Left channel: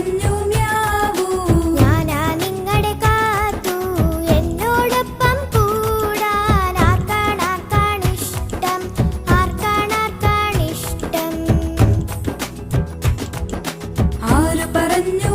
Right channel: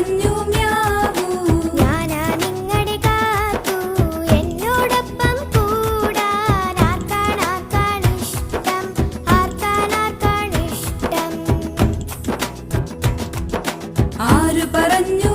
പറഞ്ഞു മ്യാവൂ. ഞാനാ നിങ്ങളെ കാത്തു എന്നോടൊപ്പം കൂടാൻ. ആർക്കാണിഷ്ടം, ആർക്കാണിഷ്ടം. ആര് പറഞ്ഞു